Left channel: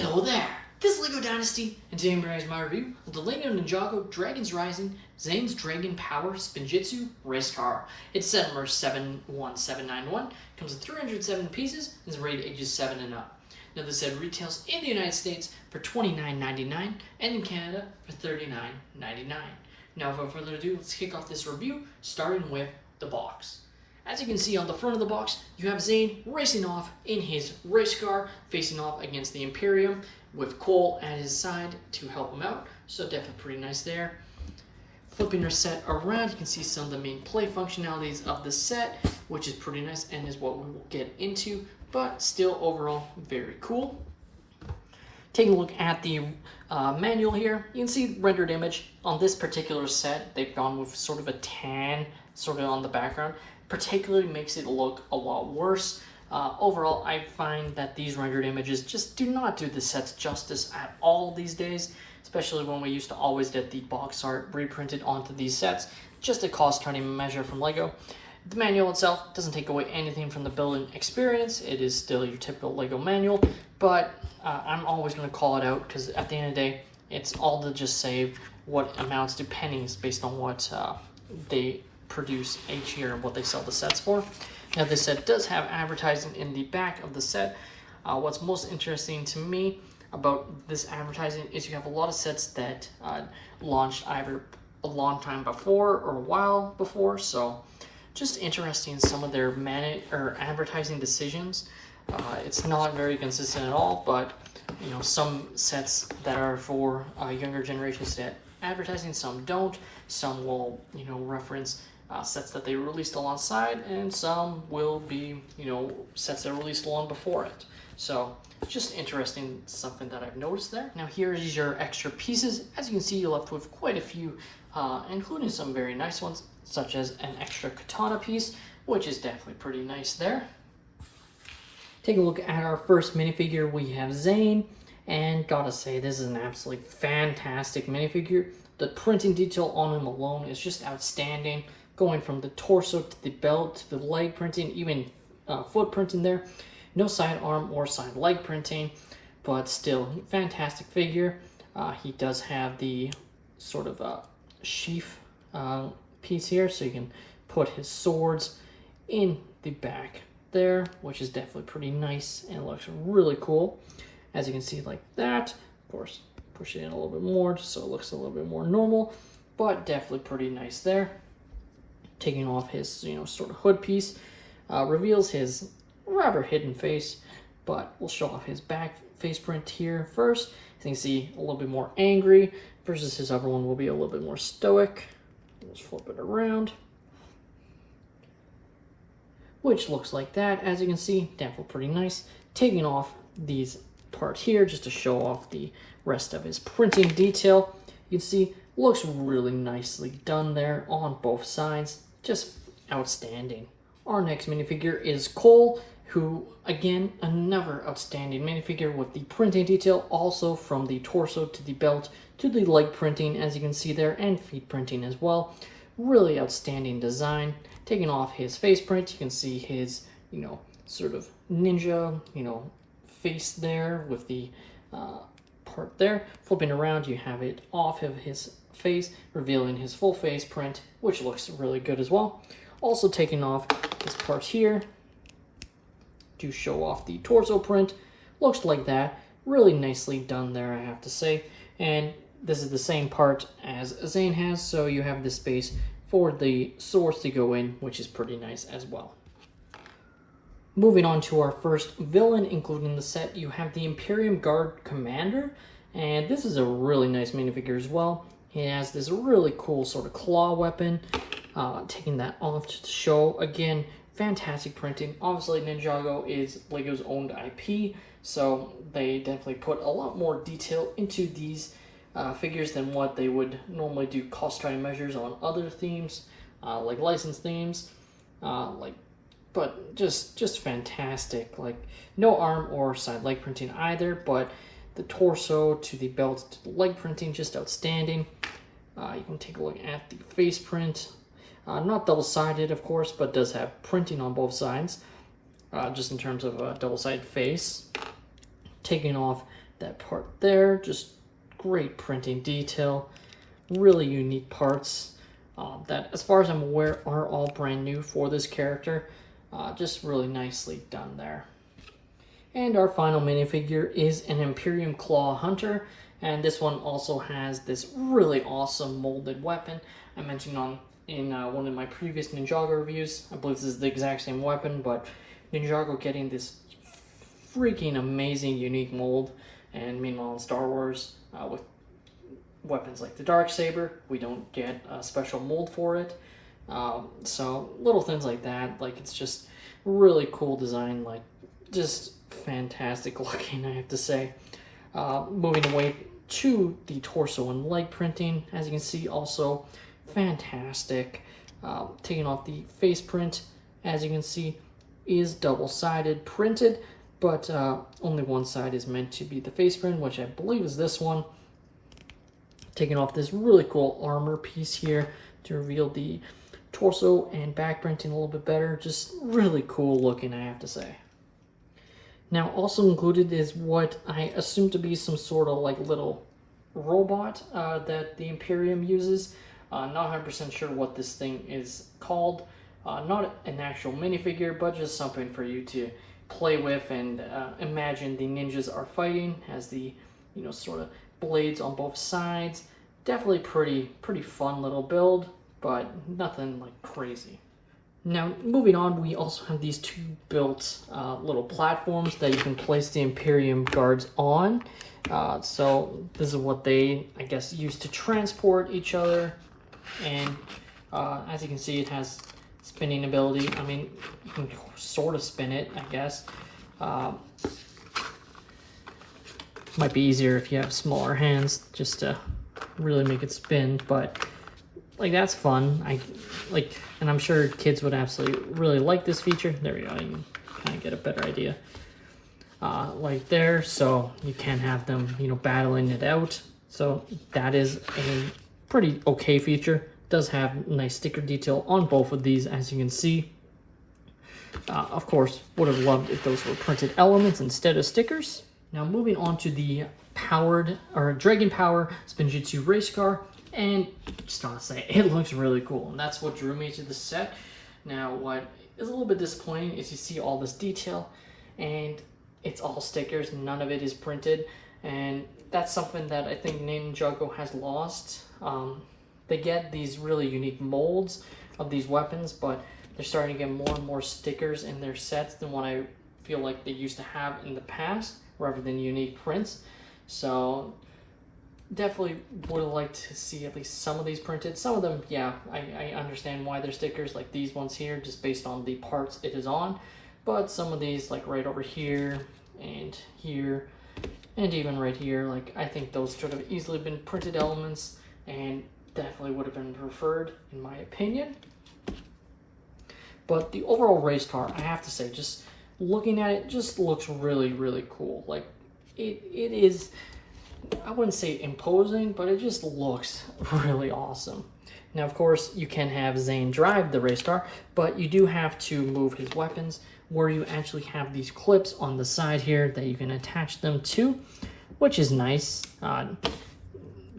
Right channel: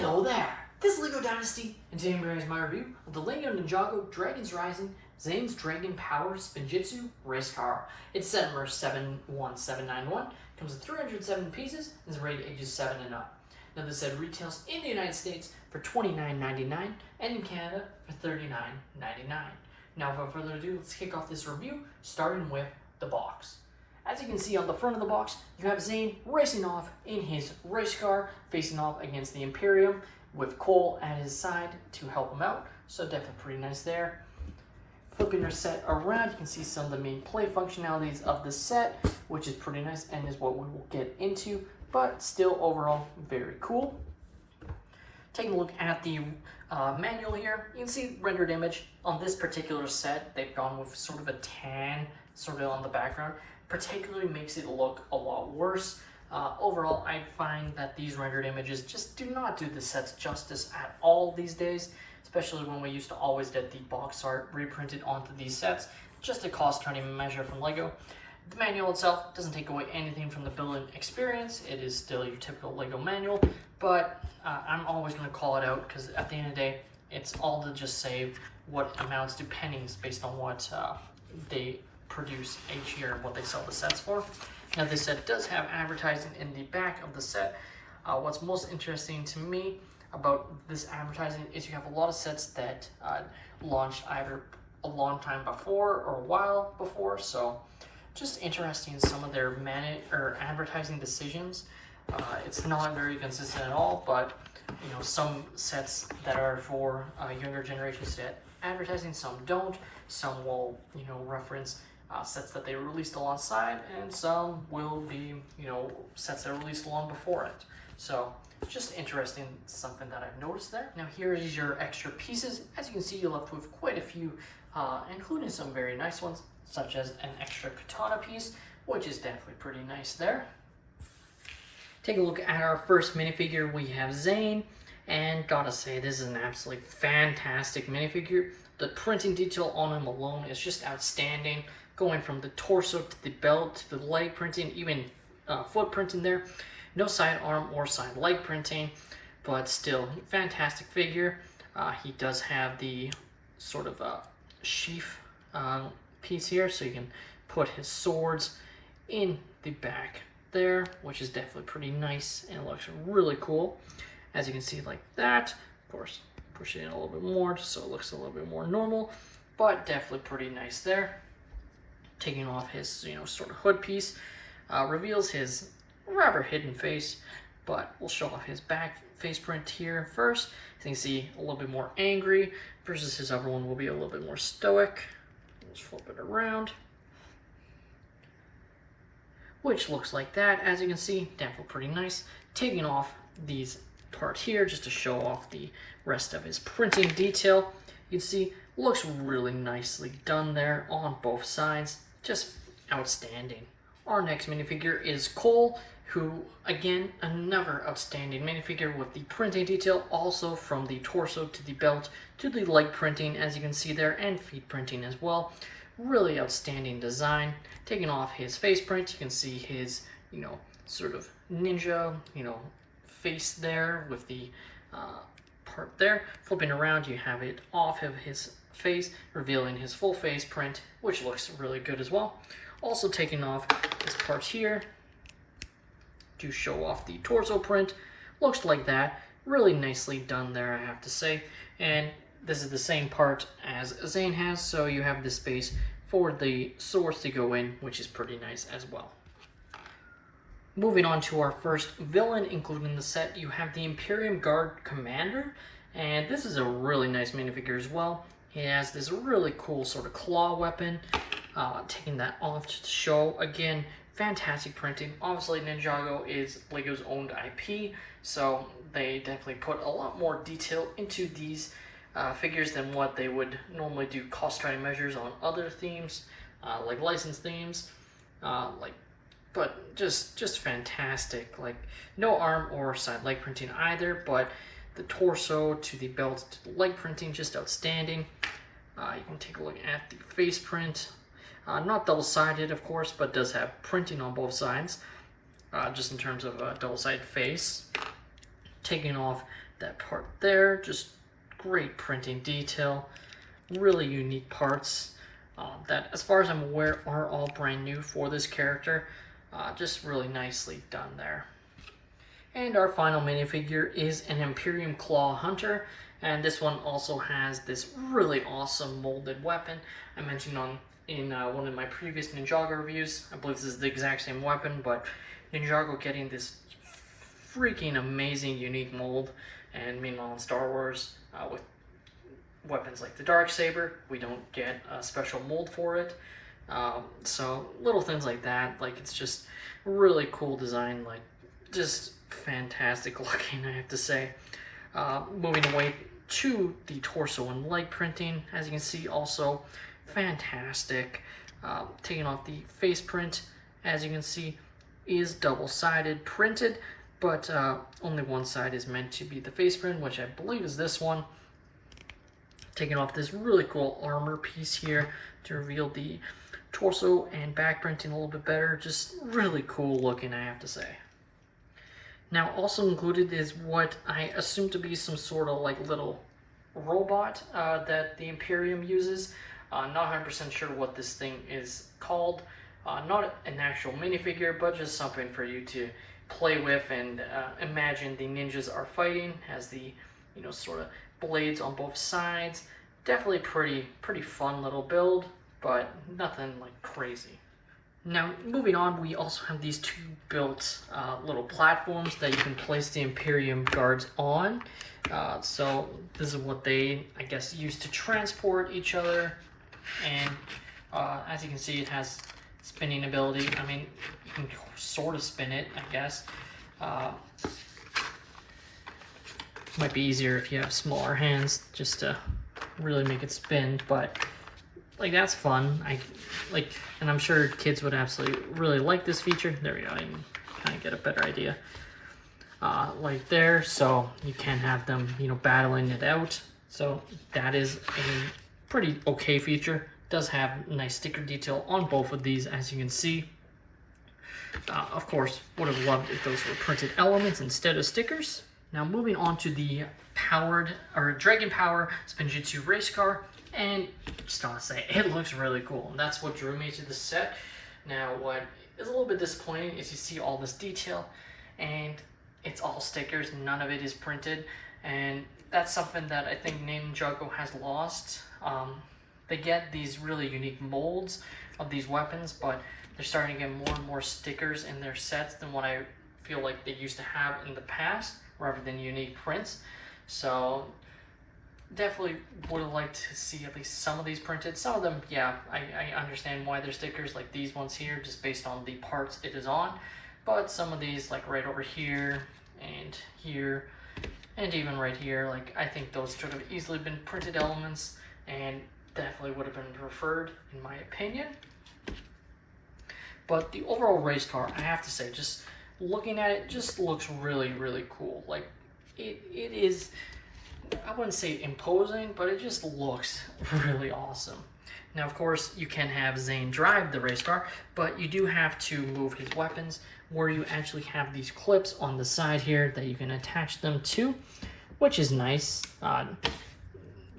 Hello there, this is LEGO Dynasty, and today I'm bringing my review of the LEGO Ninjago Dragons Rising Zane's Dragon Power Spinjitzu race car. It's set number 71791, comes with 307 pieces, and is rated ages 7 and up. Now this set retails in the United States for $29.99 and in Canada for $39.99. Now without further ado, let's kick off this review, starting with the box. As you can see on the front of the box, you have Zane racing off in his race car, facing off against the Imperium with Cole at his side to help him out. So definitely pretty nice there. Flipping your set around, you can see some of the main play functionalities of the set, which is pretty nice and is what we will get into, but still overall very cool. Taking a look at the manual here, you can see rendered image. On this particular set, they've gone with sort of a tan sort of on the background. Particularly makes it look a lot worse. Overall, I find that these rendered images just do not do the sets justice at all these days, especially when we used to always get the box art reprinted onto these sets. Just a cost-cutting measure from LEGO. The manual itself doesn't take away anything from the building experience. It is still your typical LEGO manual, but I'm always going to call it out because at the end of the day, it's all to just save what amounts to pennies based on what they produce each year and what they sell the sets for. Now this set does have advertising in the back of the set. What's most interesting to me about this advertising is you have a lot of sets that launched either a long time before or a while before, so just interesting some of their advertising decisions. It's not very consistent at all, but you know, some sets that are for younger generations get advertising, some don't. Some will, you know, reference sets that they released alongside, and some will be, you know, sets that are released long before it. So just interesting, something that I've noticed there. Now here is your extra pieces. As you can see, you're left with quite a few, including some very nice ones, such as an extra katana piece, which is definitely pretty nice there. Take a look at our first minifigure. We have Zane, and gotta say, this is an absolutely fantastic minifigure. The printing detail on him alone is just outstanding. Going from the torso to the belt to the leg printing, even foot printing there. No side arm or side leg printing, but still fantastic figure. He does have the sort of sheath piece here, so you can put his swords in the back there, which is definitely pretty nice and it looks really cool. As you can see, like that. Of course, push it in a little bit more just so it looks a little bit more normal, but definitely pretty nice there. Taking off his, you know, sort of hood piece, reveals his rather hidden face, but we'll show off his back face print here first. As you can see, a little bit more angry versus his other one will be a little bit more stoic. Let's flip it around, which looks like that. As you can see, definitely pretty nice. Taking off these parts here just to show off the rest of his printing detail. You can see looks really nicely done there on both sides. Just outstanding. Our next minifigure is Cole, who, again, another outstanding minifigure with the printing detail, also from the torso to the belt to the leg printing, as you can see there, and feet printing as well. Really outstanding design. Taking off his face print, you can see his, you know, sort of ninja, you know, face there with the part there. Flipping around, you have it off of his face, revealing his full face print, which looks really good as well. Also taking off this part here to show off the torso print. Looks like that. Really nicely done there, I have to say. And this is the same part as Zane has, so you have the space for the swords to go in, which is pretty nice as well. Moving on to our first villain, including the set, you have the Imperium Guard Commander, and this is a really nice minifigure as well. He has this really cool sort of claw weapon, taking that off to show, again, fantastic printing. Obviously, Ninjago is LEGO's owned IP, so they definitely put a lot more detail into these figures than what they would normally do cost-cutting measures on other themes, like licensed themes, but just fantastic. Like, no arm or side leg printing either, but the torso to the belt to the leg printing, just outstanding. You can take a look at the face print. Not double-sided, of course, but does have printing on both sides, just in terms of a double-sided face. Taking off that part there, just great printing detail, really unique parts that, as far as I'm aware, are all brand new for this character. Just really nicely done there. And our final minifigure is an Imperium Claw Hunter, and this one also has this really awesome molded weapon I mentioned in one of my previous Ninjago reviews. I believe this is the exact same weapon, but Ninjago getting this freaking amazing unique mold. And meanwhile in Star Wars, with weapons like the Darksaber, we don't get a special mold for it. So little things like that, like it's just really cool design, like just fantastic looking, I have to say. Moving away to the torso and leg printing, as you can see, also fantastic. Taking off the face print, as you can see, is double-sided printed, but only one side is meant to be the face print, which I believe is this one. Taking off this really cool armor piece here to reveal the torso and back printing a little bit better. Just really cool looking, I have to say. Now, also included is what I assume to be some sort of like little robot that the Imperium uses. Not 100% sure what this thing is called. Not an actual minifigure, but just something for you to play with and imagine the ninjas are fighting, as the, you know, sort of blades on both sides. Definitely pretty fun little build, but nothing like crazy. Now, moving on, we also have these two built little platforms that you can place the Imperium guards on. So this is what they, I guess, use to transport each other. And as you can see, it has spinning ability. I mean, you can sort of spin it, I guess. Might be easier if you have smaller hands, just to really make it spin, but like that's fun. And I'm sure kids would absolutely really like this feature. There we go. You can kind of get a better idea. Like there, so you can have them, you know, battling it out. So that is a pretty okay feature. Does have nice sticker detail on both of these, as you can see. Of course, would have loved if those were printed elements instead of stickers. Now moving on to the Dragon Power Spinjitzu race car, and just want to say, it looks really cool, and that's what drew me to the set. Now what is a little bit disappointing is you see all this detail, and it's all stickers, none of it is printed, and that's something that I think Ninjago has lost. They get these really unique molds of these weapons, but they're starting to get more and more stickers in their sets than what I feel like they used to have in the past, rather than unique prints. So definitely would have liked to see at least some of these printed. Some of them, yeah, I understand why they're stickers, like these ones here, just based on the parts it is on. But some of these, like right over here, and even right here, like I think those should have easily been printed elements, and definitely would have been preferred, in my opinion. But the overall race car, I have to say, just looking at it, just looks really cool. Like it is, I wouldn't say imposing, but it just looks really awesome. Now, of course, you can have Zane drive the race car, but you do have to move his weapons, where you actually have these clips on the side here that you can attach them to, which is nice.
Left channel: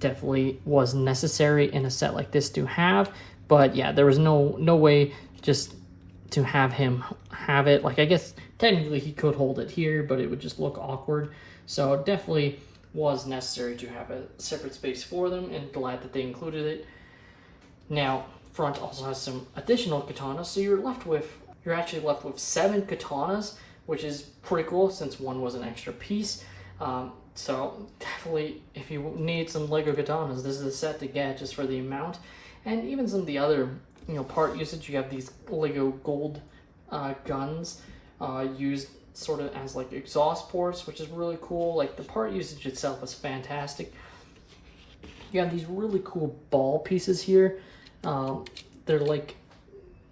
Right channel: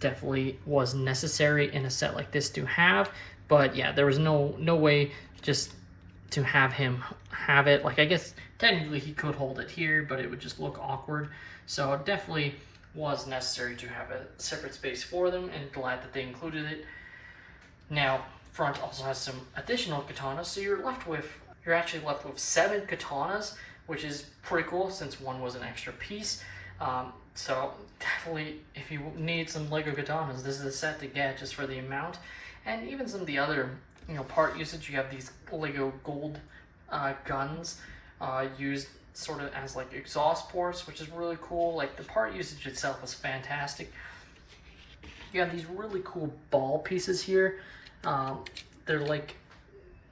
Definitely was necessary in a set like this to have, but yeah, there was no way just to have him have it. Like, I guess technically he could hold it here, but it would just look awkward. So it definitely was necessary to have a separate space for them, and glad that they included it. Now, front also has some additional katanas, so you're actually left with 7 katanas, which is pretty cool since one was an extra piece. So definitely, if you need some Lego katanas, this is a set to get just for the amount. And even some of the other, you know, part usage, you have these Lego gold guns used sort of as like exhaust ports, which is really cool. Like the part usage itself is fantastic. You have these really cool ball pieces here. They're like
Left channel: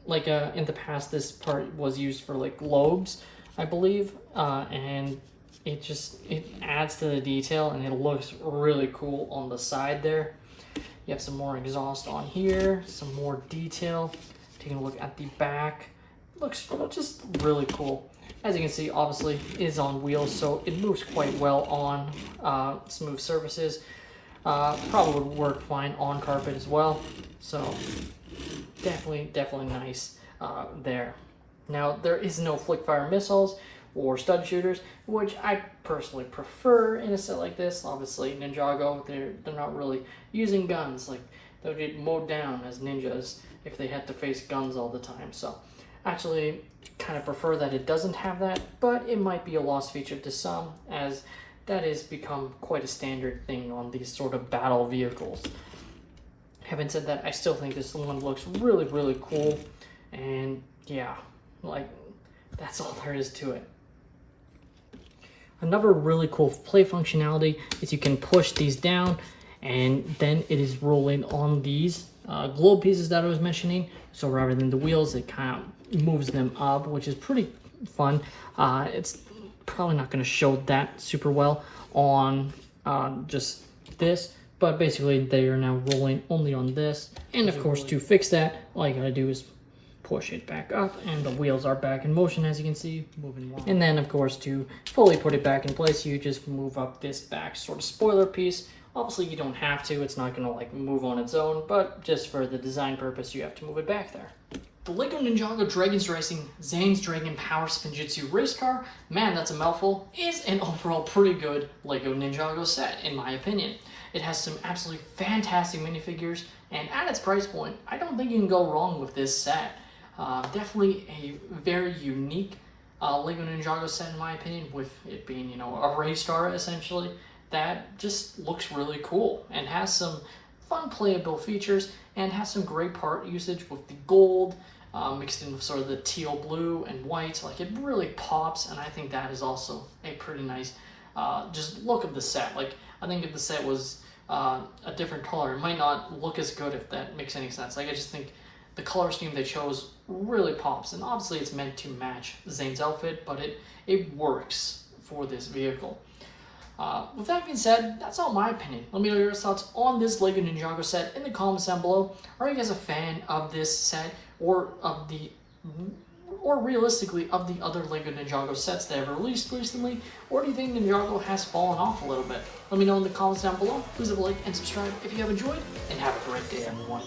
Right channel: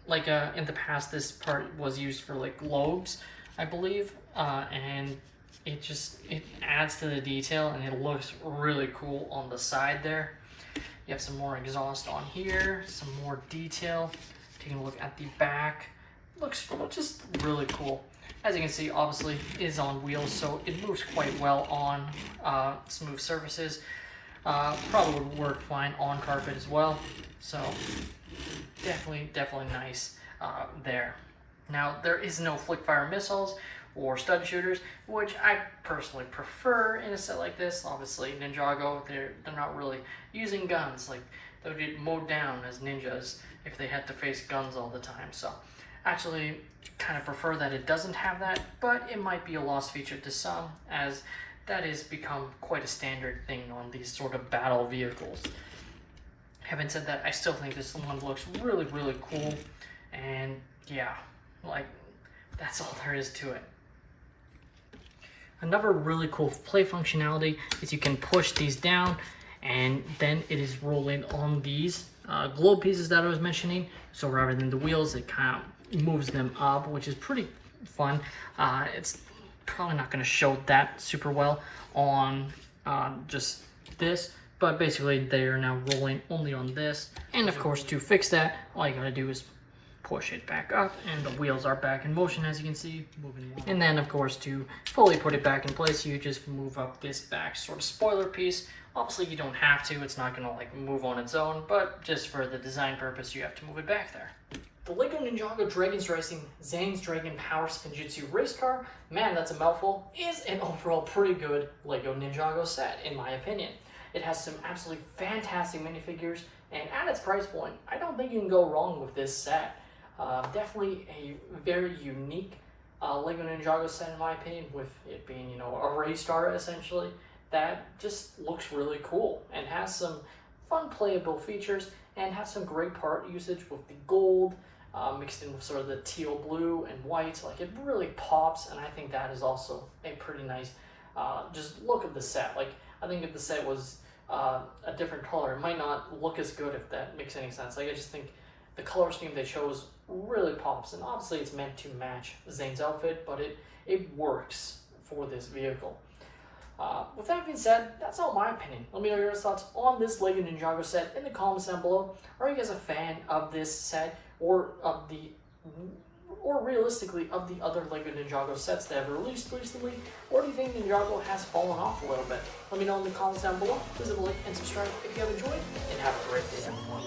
in the past, this part was used for like globes, I believe, and it adds to the detail, and it looks really cool on the side there. You have some more exhaust on here, some more detail. Taking a look at the back, looks just really cool. As you can see, obviously, it is on wheels, so it moves quite well on smooth surfaces. Probably would work fine on carpet as well. So definitely nice there. Now, there is no flick fire missiles or stud shooters, which I personally prefer in a set like this. Obviously, Ninjago, they're not really using guns. Like, they would get mowed down as ninjas if they had to face guns all the time. So, actually, kind of prefer that it doesn't have that, but it might be a lost feature to some, as that has become quite a standard thing on these sort of battle vehicles. Having said that, I still think this one looks really cool, and yeah, like, that's all there is to it. Another really cool play functionality is you can push these down, and then it is rolling on these globe pieces that I was mentioning. So rather than the wheels, it kind of moves them up, which is pretty fun. It's probably not going to show that super well on just this, but basically they are now rolling only on this. And of course, to fix that, all you gotta do is push it back up, and the wheels are back in motion, as you can see, moving along. And then of course, to fully put it back in place, you just move up this back sort of spoiler piece. Obviously you don't have to, it's not gonna like move on its own, but just for the design purpose, you have to move it back there. The LEGO Ninjago Dragons Racing Zane's Dragon Power Spinjitzu race car, man, that's a mouthful, is an overall pretty good LEGO Ninjago set, in my opinion. It has some absolutely fantastic minifigures, and at its price point, I don't think you can go wrong with this set. Definitely a very unique LEGO Ninjago set, in my opinion, with it being, you know, a race car essentially, that just looks really cool and has some fun playable features and has some great part usage with the gold mixed in with sort of the teal blue and white. Like, it really pops, and I think that is also a pretty nice just look of the set. Like, I think if the set was a different color, it might not look as good, if that makes any sense. Like, I just think the color scheme they chose really pops, and obviously it's meant to match Zane's outfit, but it works for this vehicle. With that being said, that's all my opinion. Let me know your thoughts on this LEGO Ninjago set in the comments down below. Are you guys a fan of this set, or realistically of the other LEGO Ninjago sets that have released recently, or do you think Ninjago has fallen off a little bit? Let me know in the comments down below. Please leave a like and subscribe if you have enjoyed, and have a great day, everyone.